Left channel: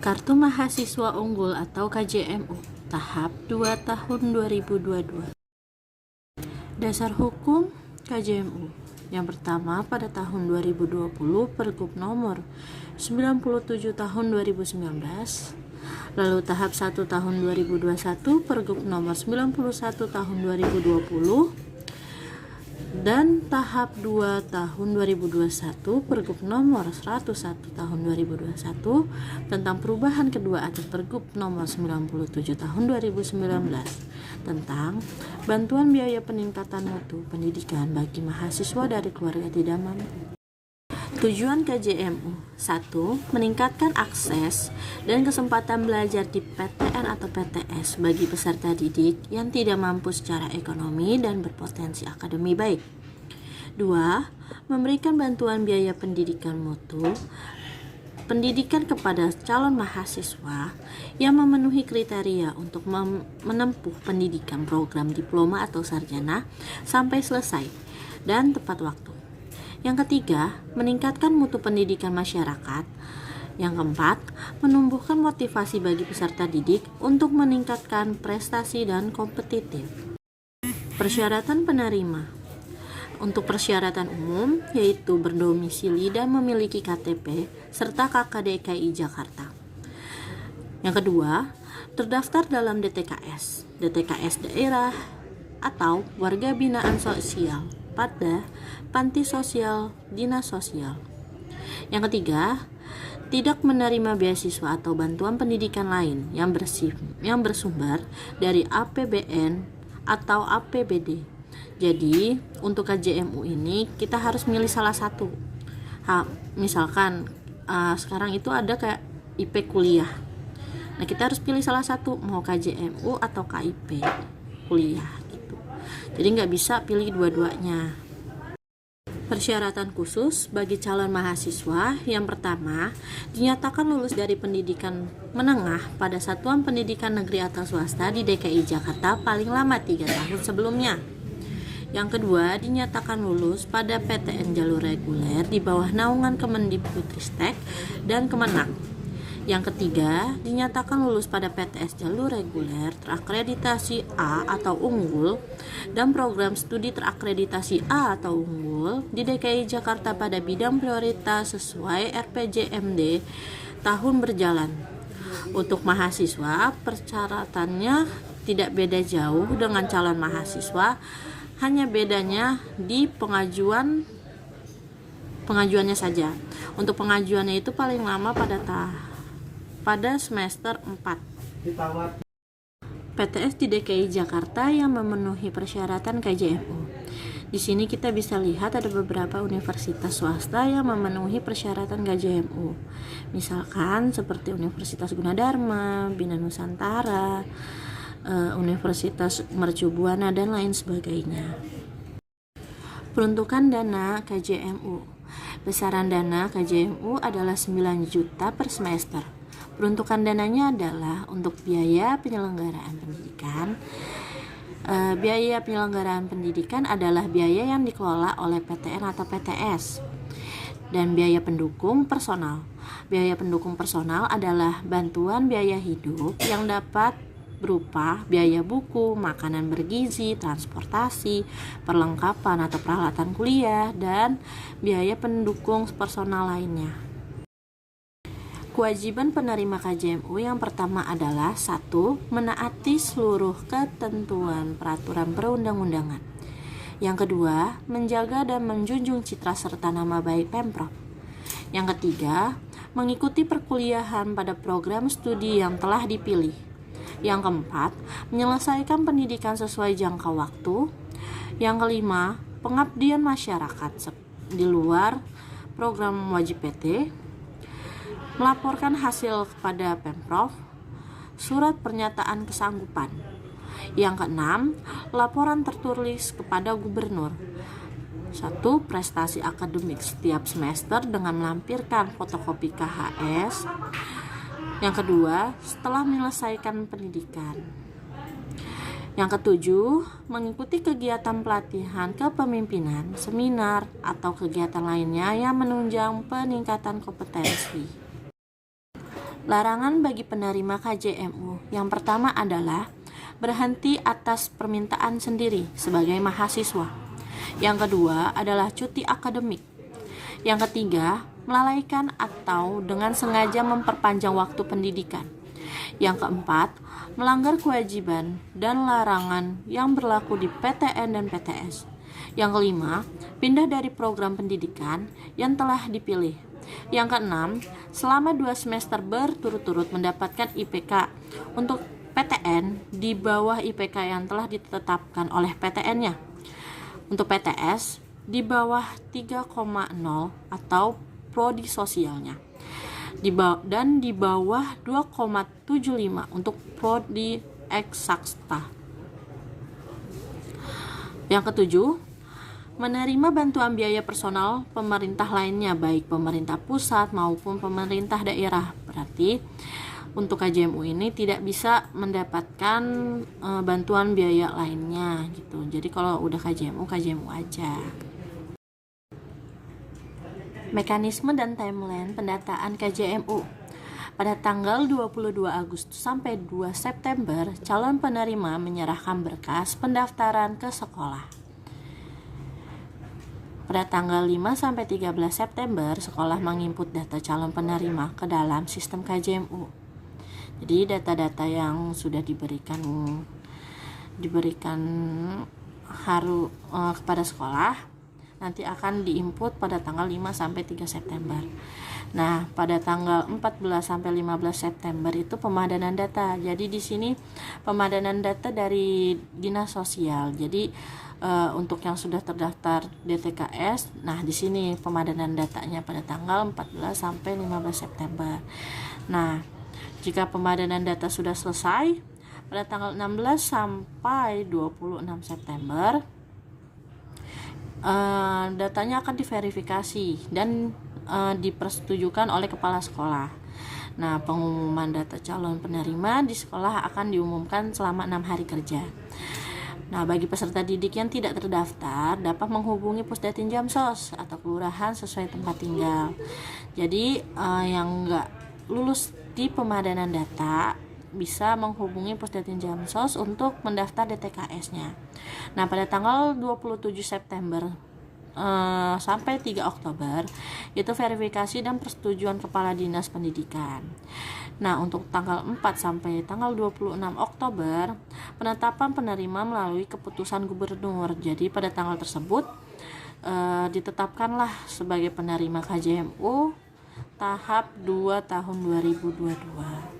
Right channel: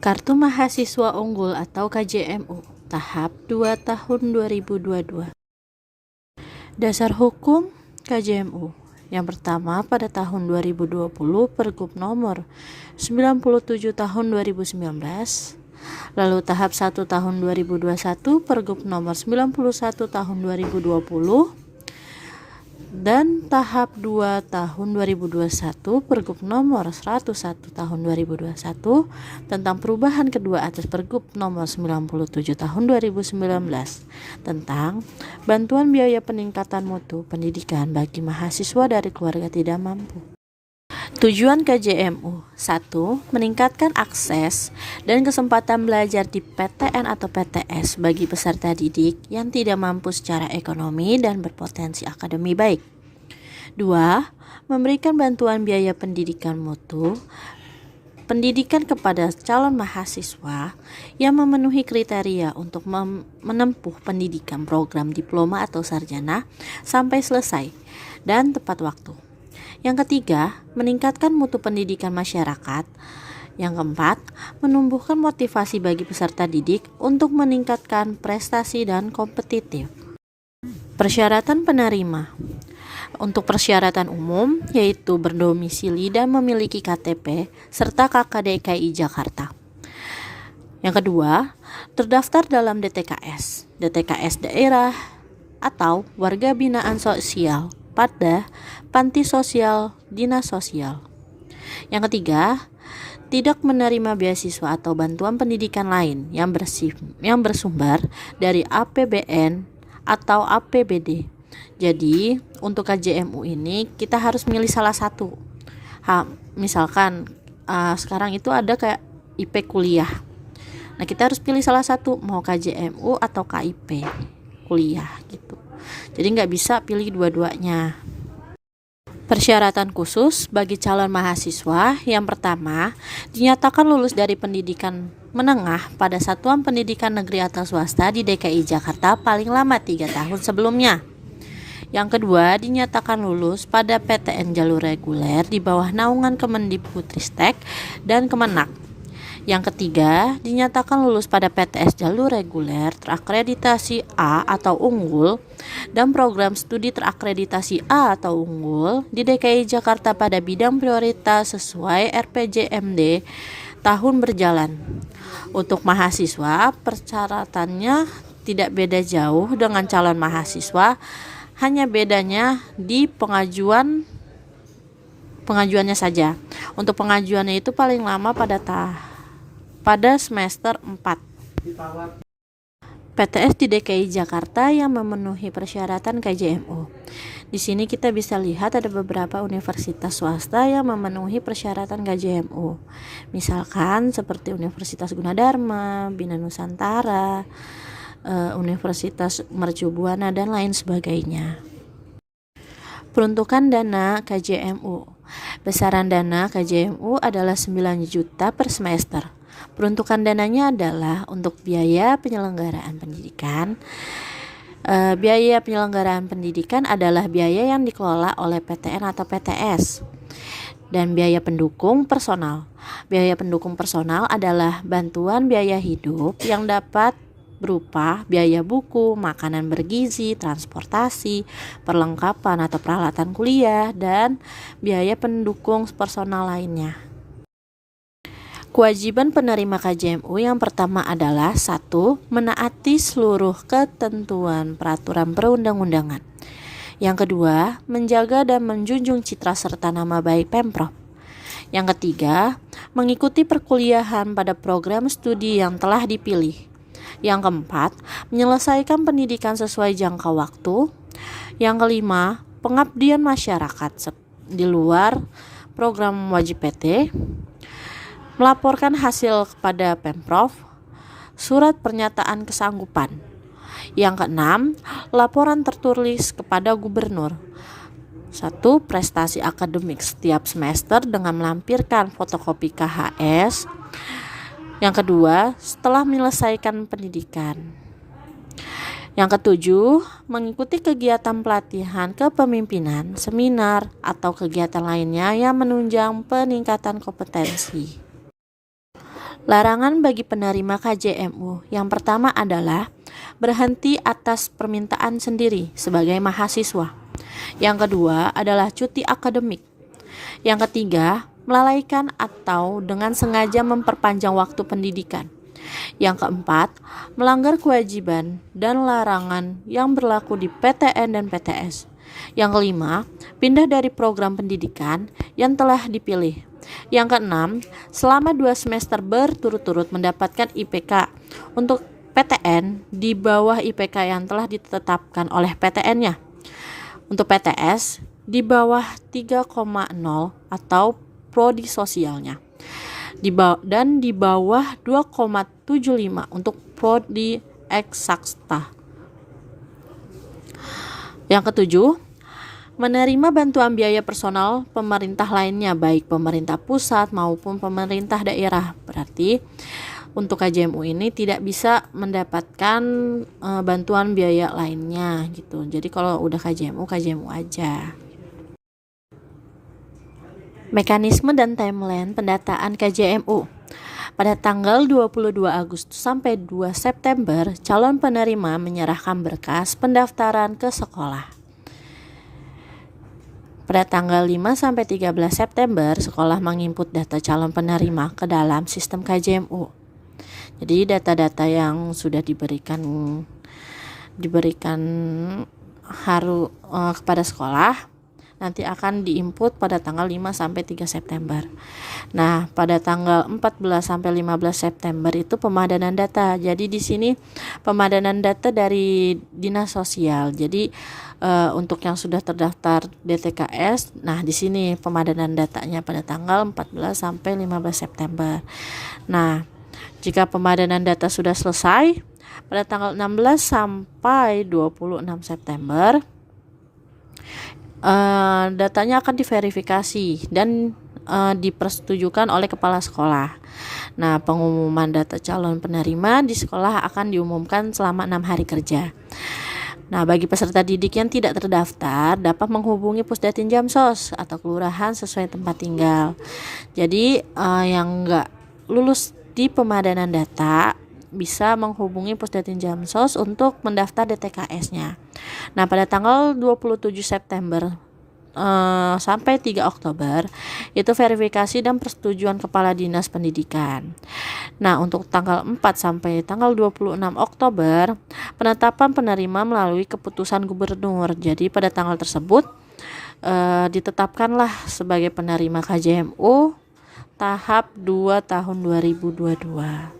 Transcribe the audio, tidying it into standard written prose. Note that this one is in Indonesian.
Kartu Mahasiswa Unggul atau KJMU tahap 2 tahun 2022. Dasar hukum KJMU. Yang pertama pada tahun 2020 Pergub nomor 97 tahun 2019. Lalu tahap 1 tahun 2021 Pergub nomor 91 tahun 2020. Dan tahap 2 tahun 2021 Pergub nomor 101 tahun 2021 tentang perubahan kedua atas Pergub nomor 97 tahun 2019 tentang bantuan biaya peningkatan mutu pendidikan bagi mahasiswa dari keluarga tidak mampu. Tujuan KJMU 1. Meningkatkan akses dan kesempatan belajar di PTN atau PTS bagi peserta didik yang tidak mampu secara ekonomi dan berpotensi akademi baik. 2. Memberikan bantuan biaya pendidikan mutu pendidikan kepada calon mahasiswa yang memenuhi kriteria untuk menempuh pendidikan program diploma atau sarjana sampai selesai dan tepat waktu. Yang ketiga, meningkatkan mutu pendidikan masyarakat. Yang keempat, menumbuhkan motivasi bagi peserta didik untuk meningkatkan prestasi dan kompetitif. Persyaratan penerima. Untuk persyaratan umum, yaitu berdomisili dan memiliki KTP serta KK DKI Jakarta. Yang kedua, terdaftar dalam DTKS daerah atau warga binaan sosial pada panti sosial dinas sosial. Yang ketiga, tidak menerima beasiswa atau bantuan pendidikan lain yang bersumber dari APBN atau APBD. Jadi untuk KJMU ini kita harus milih salah satu. Misalkan sekarang itu ada kayak IP kuliah. Nah kita harus pilih salah satu, mau KJMU atau KIP kuliah gitu. Jadi nggak bisa pilih dua-duanya. Persyaratan khusus bagi calon mahasiswa. Yang pertama, dinyatakan lulus dari pendidikan menengah pada satuan pendidikan negeri atau swasta di DKI Jakarta paling lama 3 tahun sebelumnya. Yang kedua, dinyatakan lulus pada PTN jalur reguler di bawah naungan Kemendikbudristek dan Kemenak. Yang ketiga, dinyatakan lulus pada PTS jalur reguler terakreditasi A atau unggul dan program studi terakreditasi A atau unggul di DKI Jakarta pada bidang prioritas sesuai RPJMD tahun berjalan. Untuk mahasiswa, persyaratannya tidak beda jauh dengan calon mahasiswa, hanya bedanya di pengajuannya saja. Untuk pengajuannya itu paling lama pada semester 4. PTS di DKI Jakarta yang memenuhi persyaratan KJMU. Di sini kita bisa lihat ada beberapa universitas swasta yang memenuhi persyaratan KJMU. Misalkan seperti Universitas Gunadarma, Bina Nusantara, Universitas Mercu Buana dan lain sebagainya. Peruntukan dana KJMU. Besaran dana KJMU adalah 9 juta per semester. Peruntukan dananya adalah untuk biaya penyelenggaraan pendidikan. Biaya penyelenggaraan pendidikan adalah biaya yang dikelola oleh PTN atau PTS. Dan biaya pendukung personal. Biaya pendukung personal adalah bantuan biaya hidup yang dapat berupa biaya buku, makanan bergizi, transportasi, perlengkapan atau peralatan kuliah, dan biaya pendukung personal lainnya. Kewajiban penerima KJMU yang pertama adalah 1. Menaati seluruh ketentuan peraturan perundang-undangan. Yang kedua, menjaga dan menjunjung citra serta nama baik Pemprov. Yang ketiga, mengikuti perkuliahan pada program studi yang telah dipilih. Yang keempat, menyelesaikan pendidikan sesuai jangka waktu. Yang kelima, pengabdian masyarakat di luar program wajib PT. Melaporkan hasil kepada Pemprov, surat pernyataan kesanggupan. Yang keenam, laporan tertulis kepada gubernur. 1. Prestasi akademik setiap semester dengan melampirkan fotokopi KHS. Yang kedua, setelah menyelesaikan pendidikan. Yang ketujuh, mengikuti kegiatan pelatihan kepemimpinan, seminar, atau kegiatan lainnya yang menunjang peningkatan kompetensi. Larangan bagi penerima KJMU yang pertama adalah berhenti atas permintaan sendiri sebagai mahasiswa. Yang kedua adalah cuti akademik. Yang ketiga, melalaikan atau dengan sengaja memperpanjang waktu pendidikan. Yang keempat, melanggar kewajiban dan larangan yang berlaku di PTN dan PTS. Yang kelima, pindah dari program pendidikan yang telah dipilih. Yang keenam, selama 2 semester berturut-turut mendapatkan IPK untuk PTN di bawah IPK yang telah ditetapkan oleh PTN-nya. Untuk PTS di bawah 3,0 atau prodi sosialnya. Dan di bawah 2,75 untuk prodi eksakta. Yang ketujuh, menerima bantuan biaya personal pemerintah lainnya, baik pemerintah pusat maupun pemerintah daerah. Berarti untuk KJMU ini tidak bisa mendapatkan bantuan biaya lainnya gitu. Jadi kalau udah KJMU aja. Mekanisme dan timeline pendataan KJMU. Pada tanggal 22 Agustus sampai 2 September, calon penerima menyerahkan berkas pendaftaran ke sekolah. Pada tanggal 5 sampai 13 September, sekolah menginput data calon penerima ke dalam sistem KJMU. Jadi data-data yang sudah diberikan kepada sekolah nanti akan diinput pada tanggal 5 sampai 3 September. Nah, pada tanggal 14 sampai 15 September itu pemadanan data. Jadi di sini pemadanan data dari Dinas Sosial. Jadi untuk yang sudah terdaftar DTKS, nah di sini pemadanan datanya pada tanggal 14 sampai 15 September. Nah, jika pemadanan data sudah selesai pada tanggal 16 sampai 26 September, datanya akan diverifikasi dan dipersetujukan oleh kepala sekolah. Nah, pengumuman data calon penerima di sekolah akan diumumkan selama 6 hari kerja. Nah, bagi peserta didik yang tidak terdaftar dapat menghubungi Pusdatin Jamsos atau kelurahan sesuai tempat tinggal. Jadi yang enggak lulus di pemadanan data bisa menghubungi Pusdatin Jamsos untuk mendaftar DTKS-nya. Nah, pada tanggal 27 September sampai 3 Oktober itu verifikasi dan persetujuan Kepala Dinas Pendidikan. Nah, untuk tanggal 4 sampai tanggal 26 Oktober penetapan penerima melalui keputusan gubernur. Jadi pada tanggal tersebut ditetapkanlah sebagai penerima KJMU tahap 2 tahun 2022.